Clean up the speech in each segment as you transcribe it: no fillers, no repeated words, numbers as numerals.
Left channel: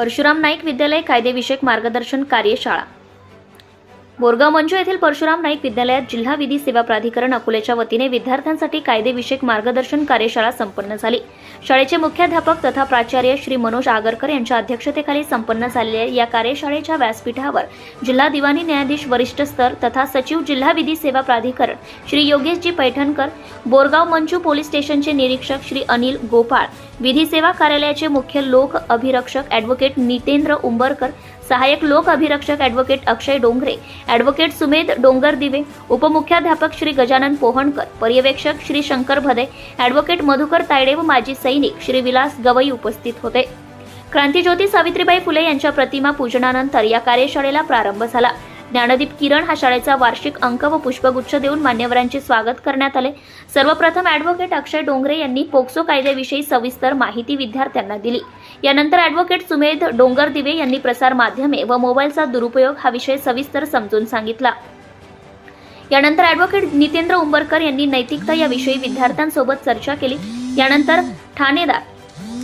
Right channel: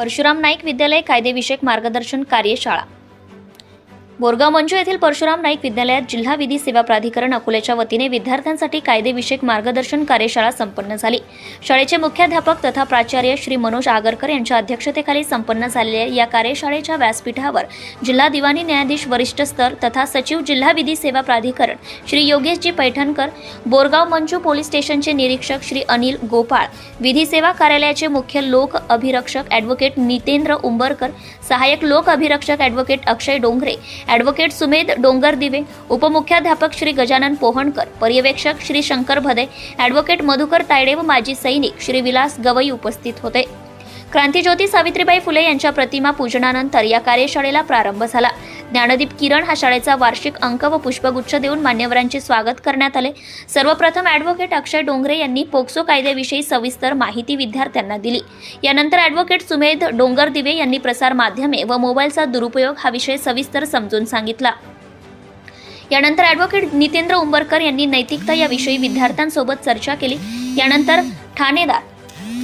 परशुराम नाईक विद्यालय कायदेविषयक मार्गदर्शन कार्यशाळा बोरगाव मंचू येथील परशुराम नाईक विद्यालयात जिल्हा विधी सेवा प्राधिकरण अकोल्याच्या वतीने विद्यार्थ्यांसाठी कायदेविषयक मार्गदर्शन कार्यशाळा संपन्न झाली। शाळेचे मुख्याध्यापक तथा प्राचार्य श्री मनोज आगरकर यांच्या अध्यक्षतेखाली संपन्न झालेल्या या कार्यशाळेच्या व्यासपीठावर जिल्हा दिवाणी न्यायाधीश वरिष्ठ स्तर तथा सचिव जिल्हा विधी सेवा प्राधिकरण श्री योगेशजी पैठणकर, बोरगाव मंचू पोलीस स्टेशनचे निरीक्षक श्री अनिल गोपाळ, विधी सेवा कार्यालयाचे मुख्य लोक अभिरक्षक ॲडव्होकेट नितेंद्र उंबरकर, सहाय्यक लोक अभिरक्षक ॲडव्होकेट अक्षय डोंगरे, ॲडव्होकेट सुमेध डोंगरदिवे, उपमुख्याध्यापक श्री गजानन पोहणकर, पर्यवेक्षक श्री शंकर भदे, ॲडव्होकेट मधुकर तायडे व माजी सैनिक श्री विलास गवई उपस्थित होते। क्रांतिज्योती सावित्रीबाई फुले यांच्या प्रतिमा पूजनानंतर या कार्यशाळेला प्रारंभ झाला। ज्ञानदीप किरण हा शाळेचा वार्षिक अंक व पुष्पगुच्छ देऊन मान्यवरांचे स्वागत करण्यात आले। सर्वप्रथम ॲडव्होकेट अक्षय डोंगरे यांनी पोक्सो कायद्याविषयी सविस्तर माहिती विद्यार्थ्यांना दिली। यानंतर ॲडव्होकेट सुमेध डोंगरदिवे यांनी प्रसार माध्यमे व मोबाईलचा दुरुपयोग हा विषय सविस्तर समजून सांगितला। यानंतर ॲडव्होकेट नितेंद्र उंबरकर यांनी नैतिकता याविषयी विद्यार्थ्यांसोबत चर्चा केली। यानंतर ठाणेदार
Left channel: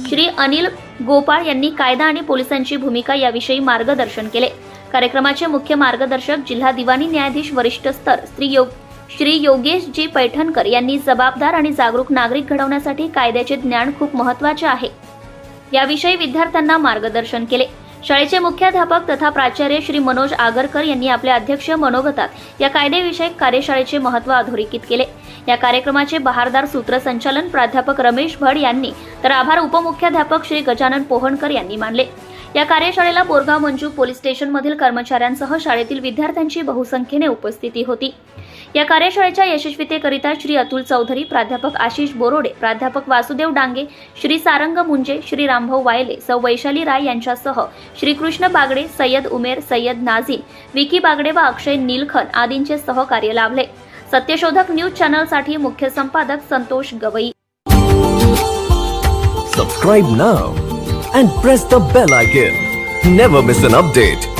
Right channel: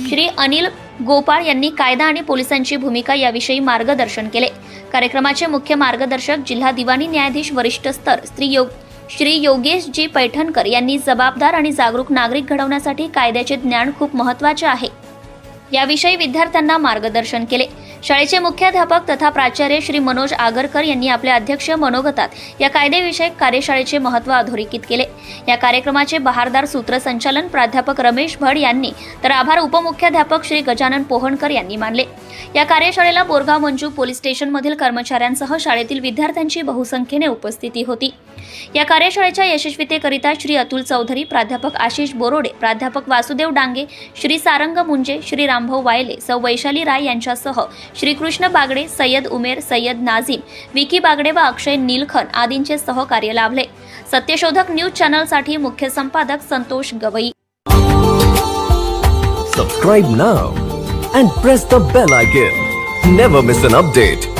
श्री अनिल गोपाळ यांनी कायदा आणि पोलिसांची भूमिका याविषयी मार्गदर्शन केले। कार्यक्रमाचे मुख्य मार्गदर्शक जिल्हा दिवाणी न्यायाधीश वरिष्ठ स्तर श्री योगेशजी पैठणकर यांनी जबाबदार आणि जागरूक नागरिक घडवण्यासाठी कायद्याचे ज्ञान खूप महत्त्वाचे आहे याविषयी विद्यार्थ्यांना मार्गदर्शन केले। शाळेचे मुख्याध्यापक तथा प्राचार्य श्री मनोज आगरकर यांनी आपल्या अध्यक्ष मनोगतात या कायदेविषयक कार्यशाळेचे महत्त्व अधोरेखित केले। या कार्यक्रमाचे बहारदार सूत्रसंचालन प्राध्यापक रमेश भड यांनी तर आभार उपमुख्याध्यापक श्री गजानन पोहणकर यांनी मानले। या कार्यशाळेला बोरगाव मंचू पोलीस स्टेशनमधील कर्मचाऱ्यांसह शाळेतील विद्यार्थ्यांची बहुसंख्येने उपस्थिती होती। या कार्यशाळेच्या यशस्वीतेकरिता श्री अतुल चौधरी, प्राध्यापक आशिष बोरोडे, प्राध्यापक वासुदेव डांगे, श्री सारंग मुंजे, श्री रामभाऊ वायले, सौ वैशाली राय यांच्यासह श्री कृष्ण बागडे, सय्यद उमेर, सय्यद नाझीम, विकी बागडे व अक्षय नीलखन आदींचे सहकार्य लाभले। सत्यशोधक न्यूज चॅनलसाठी मुख्य संपादक Santosh Gavai. Subscribe now and press the bell icon. Never miss an update.